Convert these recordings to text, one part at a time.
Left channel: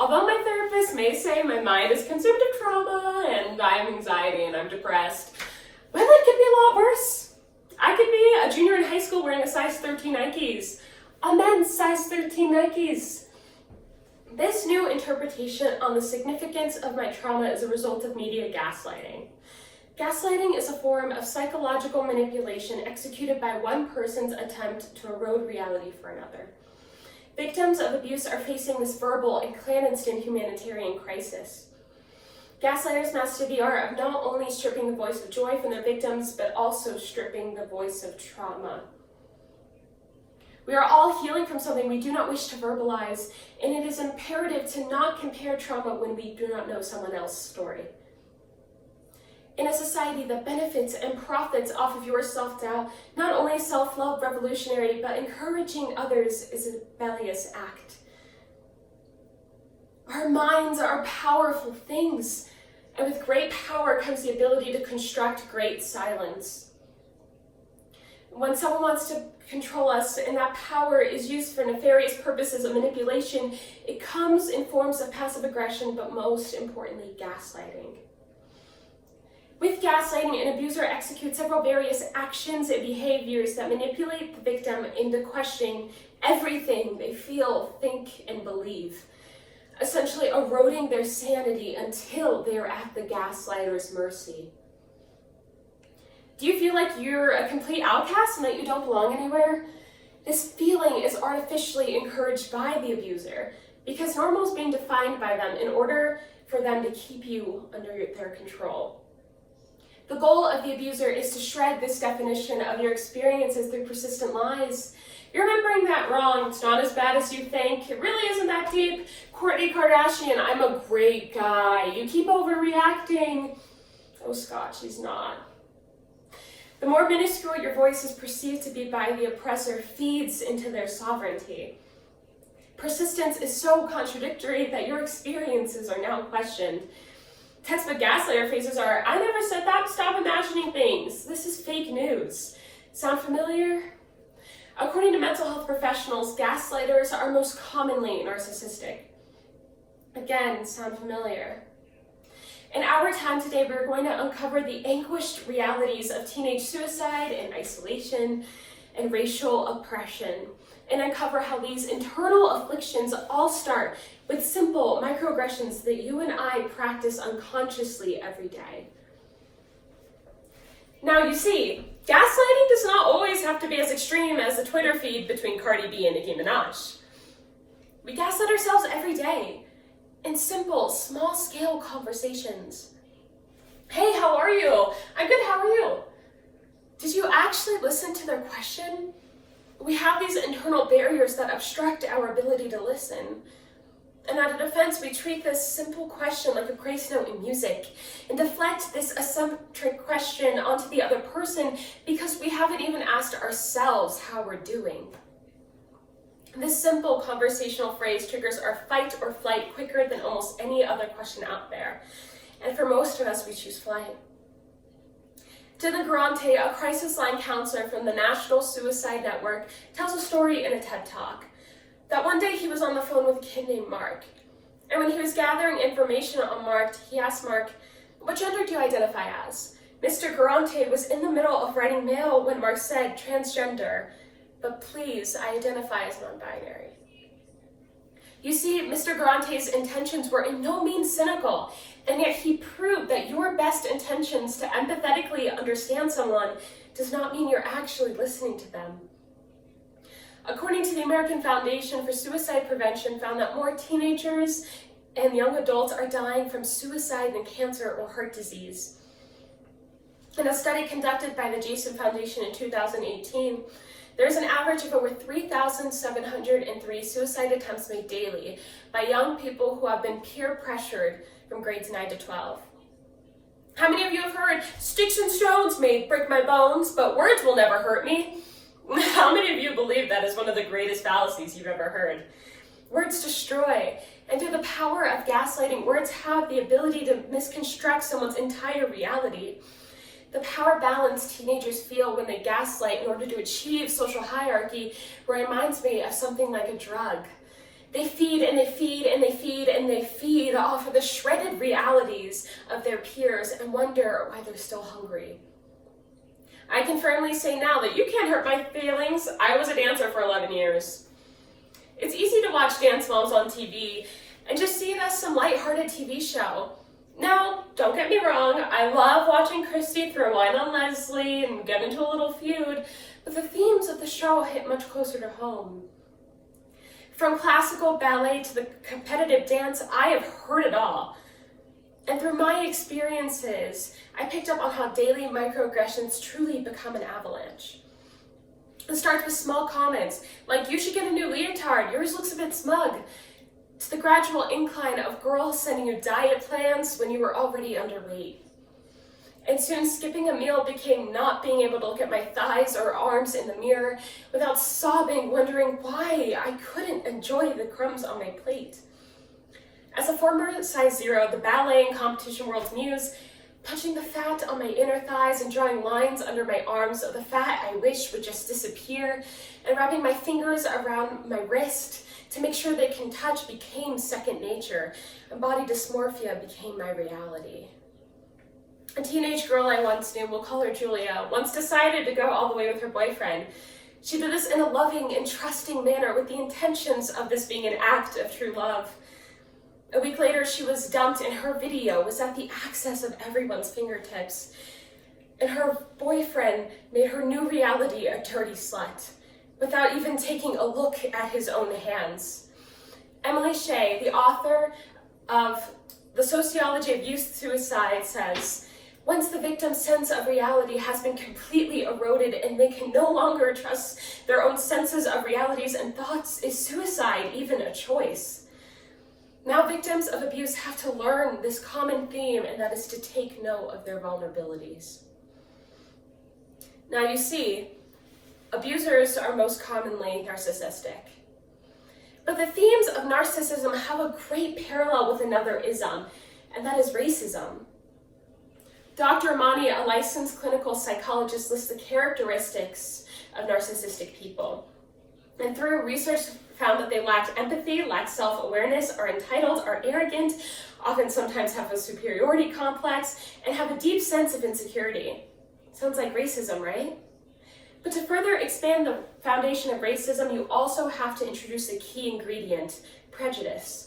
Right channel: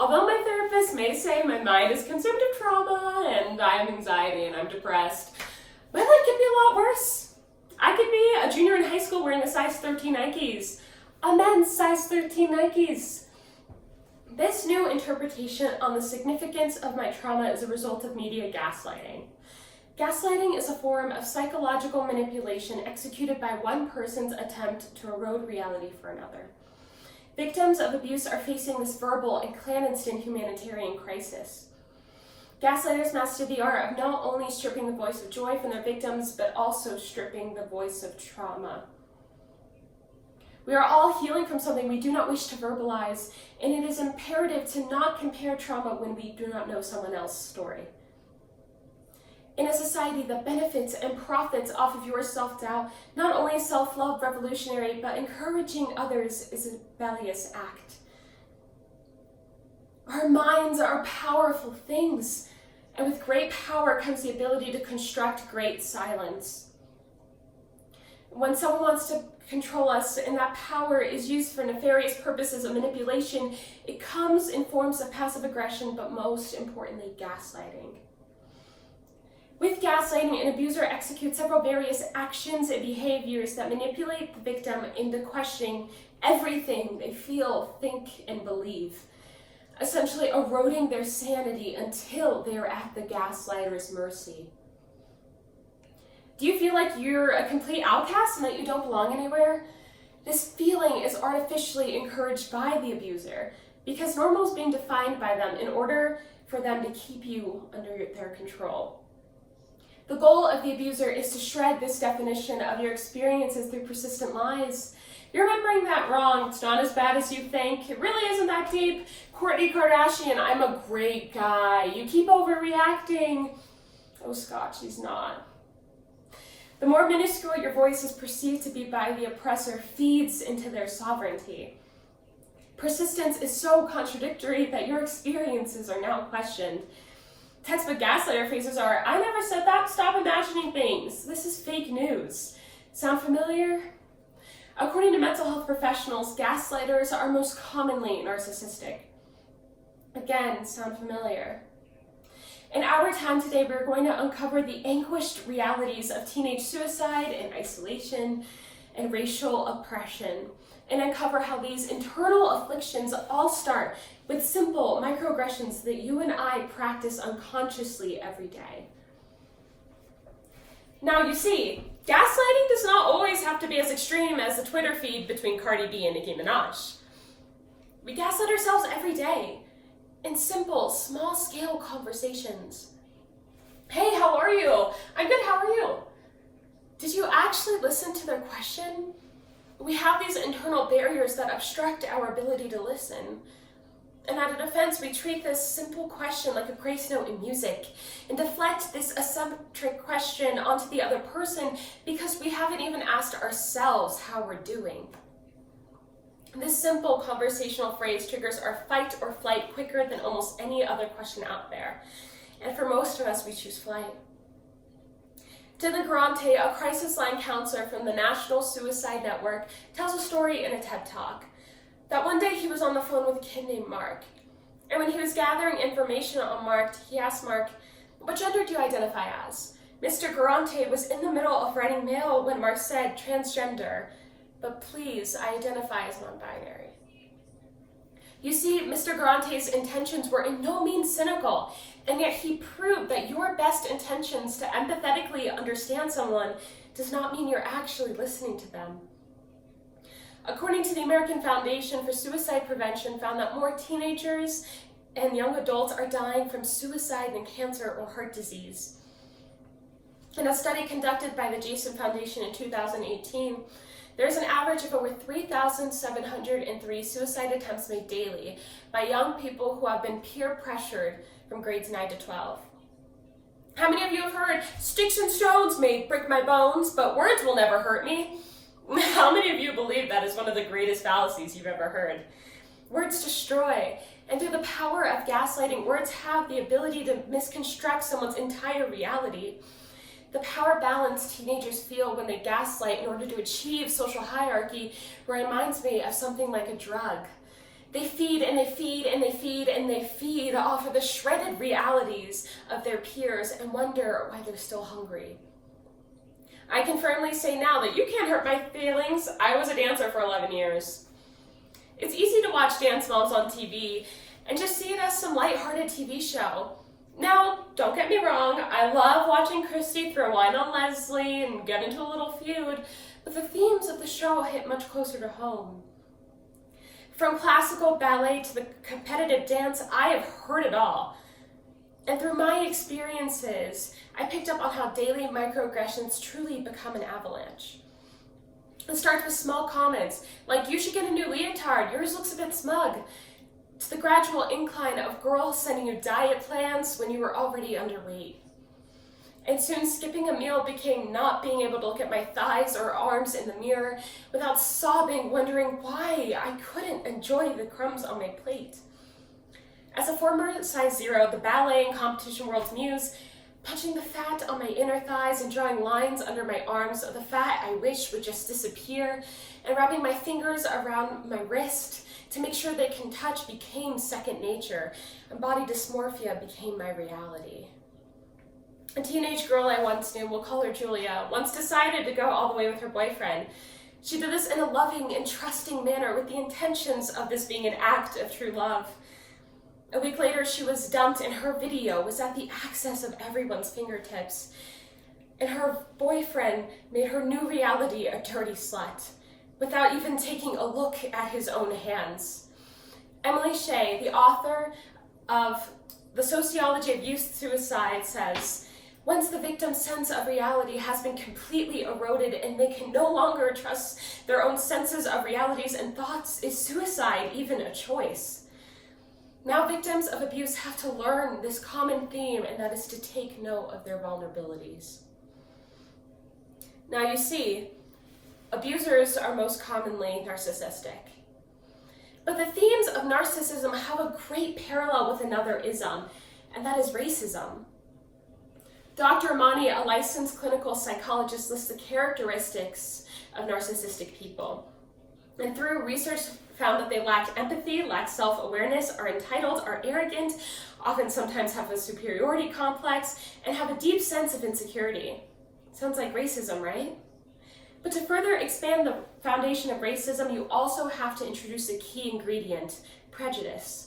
Although my therapist may say my mind is consumed of trauma and I have anxiety and I'm depressed, my life could be a lot worse. I could be a junior in high school wearing a size 13 Nikes, a men's size 13 Nikes. This new interpretation on the significance of my trauma is a result of media gaslighting. Gaslighting is a form of psychological manipulation executed by one person's attempt to erode reality for another. Victims of abuse are facing this verbal and clandestine humanitarian crisis. Gaslighters master the art of not only stripping the voice of joy from their victims, but also stripping the voice of trauma. We are all healing from something we do not wish to verbalize, and it is imperative to not compare trauma when we do not know someone else's story. In a society that benefits and profits off of your self-doubt, not only self-love revolutionary, but encouraging others is a rebellious act. Our minds are powerful things, and with great power comes the ability to construct great silence. When someone wants to control us and that power is used for nefarious purposes of manipulation, it comes in forms of passive aggression, but most importantly, gaslighting. With gaslighting, an abuser executes several various actions and behaviors that manipulate the victim into questioning everything they feel, think, and believe, essentially eroding their sanity until they are at the gaslighter's mercy. Do you feel like you're a complete outcast and that you don't belong anywhere? This feeling is artificially encouraged by the abuser because normal is being defined by them in order for them to keep you under their control. The goal of the abuser is to shred this definition of your experiences through persistent lies. You're remembering that wrong. It's not as bad as you think. It really isn't that deep. Kourtney Kardashian, I'm a great guy. You keep overreacting. Oh, Scott, she's not. The more minuscule your voice is perceived to be by the oppressor feeds into their sovereignty. Persistence is so contradictory that your experiences are now questioned. Textbook gaslighter phrases are, I never said that, stop imagining things. This is fake news. Sound familiar? According to mental health professionals, gaslighters are most commonly narcissistic. Again, sound familiar? In our time today, we're going to uncover the anguished realities of teenage suicide and isolation and racial oppression, and uncover how these internal afflictions all start with simple microaggressions that you and I practice unconsciously every day. Now, you see, gaslighting does not always have to be as extreme as the Twitter feed between Cardi B and Nicki Minaj. We gaslight ourselves every day in simple, small-scale conversations. Hey, how are you? I'm good, how are you? Did you actually listen to their question? We have these internal barriers that obstruct our ability to listen. And out of defense, we treat this simple question like a grace note in music and deflect this eccentric question onto the other person because we haven't even asked ourselves how we're doing. This simple conversational phrase triggers our fight or flight quicker than almost any other question out there. And for most of us, we choose flight. Dylan Garante, a crisis line counselor from the National Suicide Network, tells a story in a TED Talk. That one day he was on the phone with a kid named Mark. And when he was gathering information on Mark, he asked Mark, what gender do you identify as? Mr. Garante was in the middle of writing mail when Mark said transgender, but please, I identify as non-binary. You see, Mr. Garante's intentions were in no means cynical, and yet he proved that your best intentions to empathetically understand someone does not mean you're actually listening to them. According to the American Foundation for Suicide Prevention, found that more teenagers and young adults are dying from suicide than cancer or heart disease. In a study conducted by the Jason Foundation in 2018, there's an average of over 3,703 suicide attempts made daily by young people who have been peer pressured from grades 9 to 12. How many of you have heard, sticks and stones may break my bones, but words will never hurt me? How many of you believe that is one of the greatest fallacies you've ever heard? Words destroy, and through the power of gaslighting, words have the ability to misconstruct someone's entire reality. The power balance teenagers feel when they gaslight in order to achieve social hierarchy reminds me of something like a drug. They feed and they feed and they feed and they feed off of the shredded realities of their peers and wonder why they're still hungry. I can firmly say now that you can't hurt my feelings. I was a dancer for 11 years. It's easy to watch dance moms on TV and just see it as some lighthearted TV show. Now, don't get me wrong, I love watching Christy throw wine on Leslie and get into a little feud, but the themes of the show hit much closer to home. From classical ballet to the competitive dance, I have heard it all. And through my experiences, I picked up on how daily microaggressions truly become an avalanche. It starts with small comments, like, you should get a new leotard, yours looks a bit smug, to the gradual incline of girls sending you diet plans when you were already underweight. And soon skipping a meal became not being able to look at my thighs or arms in the mirror without sobbing, wondering why I couldn't enjoy the crumbs on my plate. As a former size 0, the ballet and competition world's muse, punching the fat on my inner thighs and drawing lines under my arms of the fat I wish would just disappear, and wrapping my fingers around my wrist to make sure they can touch became second nature, and body dysmorphia became my reality. A teenage girl I once knew, we'll call her Julia, once decided to go all the way with her boyfriend. She did this in a loving and trusting manner with the intentions of this being an act of true love. A week later, she was dumped and her video was at the access of everyone's fingertips. And her boyfriend made her new reality a dirty slut, without even taking a look at his own hands. Emily Shea, the author of The Sociology of Youth Suicide, says, once the victim's sense of reality has been completely eroded and they can no longer trust their own senses of realities and thoughts, is suicide even a choice? Now victims of abuse have to learn this common theme, and that is to take note of their vulnerabilities. Now you see, abusers are most commonly narcissistic. But the themes of narcissism have a great parallel with another ism, and that is racism. Dr. Amani, a licensed clinical psychologist, lists the characteristics of narcissistic people. And through research found that they lacked empathy, lacked self-awareness, are entitled, are arrogant, often sometimes have a superiority complex, and have a deep sense of insecurity. Sounds like racism, right? But to further expand the foundation of racism, you also have to introduce a key ingredient, prejudice.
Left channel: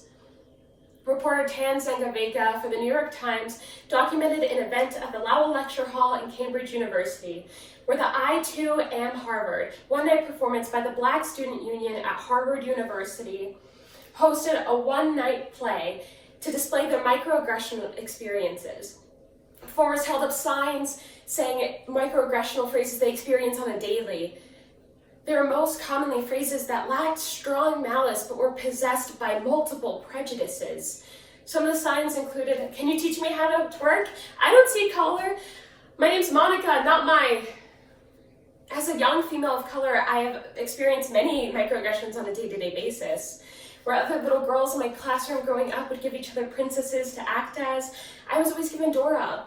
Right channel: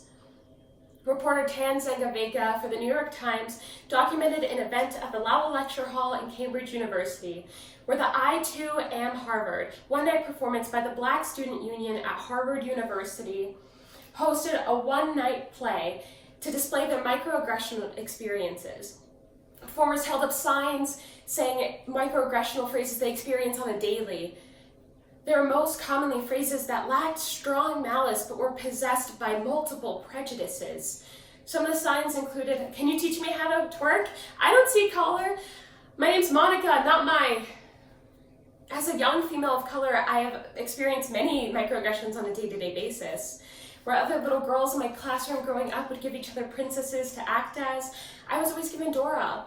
Reporter Tan Zangaveka for the New York Times documented an event at the Lowell Lecture Hall in Cambridge University, where the I Too Am Harvard one-night performance by the Black Student Union at Harvard University hosted a one-night play to display their microaggression experiences. Performers held up signs saying microaggressional phrases they experience on a daily. They were most commonly phrases that lacked strong malice but were possessed by multiple prejudices. Some of the signs included, "Can you teach me how to twerk? I don't see color. My name's Monica, not my..." As a young female of color, I have experienced many microaggressions on a day-to-day basis, where other little girls in my classroom growing up would give each other princesses to act as. I was always given Dora.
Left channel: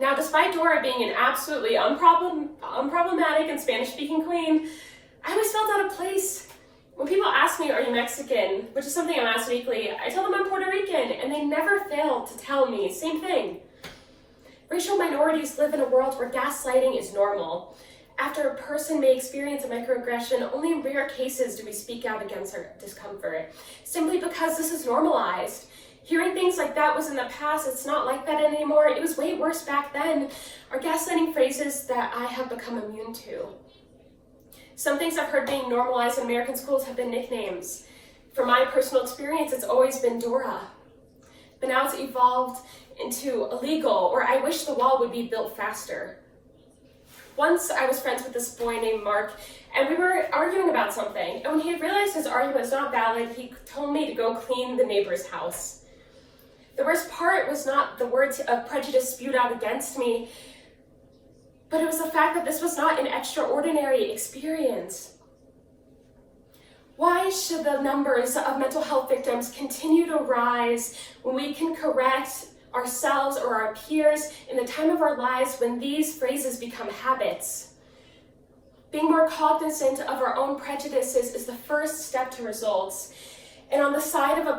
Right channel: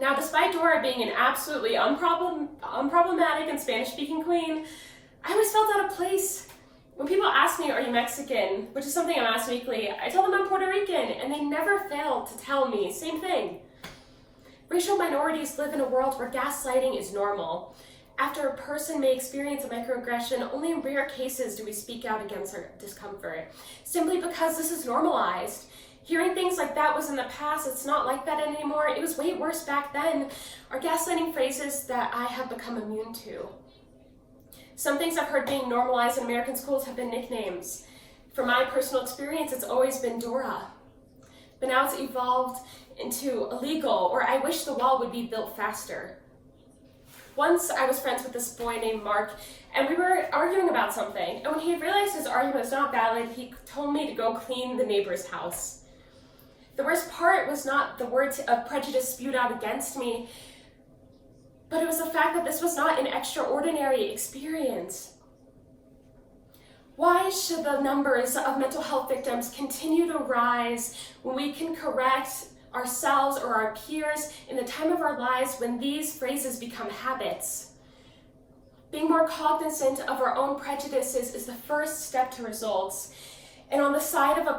Now, despite Dora being an absolutely unproblematic and Spanish-speaking queen, I always felt out of place. When people ask me, "Are you Mexican?" which is something I'm asked weekly, I tell them I'm Puerto Rican, and they never fail to tell me, same thing. Racial minorities live in a world where gaslighting is normal. After a person may experience a microaggression, only in rare cases do we speak out against our discomfort, simply because this is normalized. Hearing things like that was in the past, it's not like that anymore, it was way worse back then, are gaslighting phrases that I have become immune to. Some things I've heard being normalized in American schools have been nicknames. From my personal experience, it's always been Dora. But now it's evolved into illegal, or I wish the wall would be built faster. Once I was friends with this boy named Mark, and we were arguing about something, and when he realized his argument was not valid, he told me to go clean the neighbor's house. The worst part was not the words of prejudice spewed out against me, but it was the fact that this was not an extraordinary experience. Why should the numbers of mental health victims continue to rise when we can correct ourselves or our peers in the time of our lives when these phrases become habits? Being more cognizant of our own prejudices is the first step to results. and on the side of a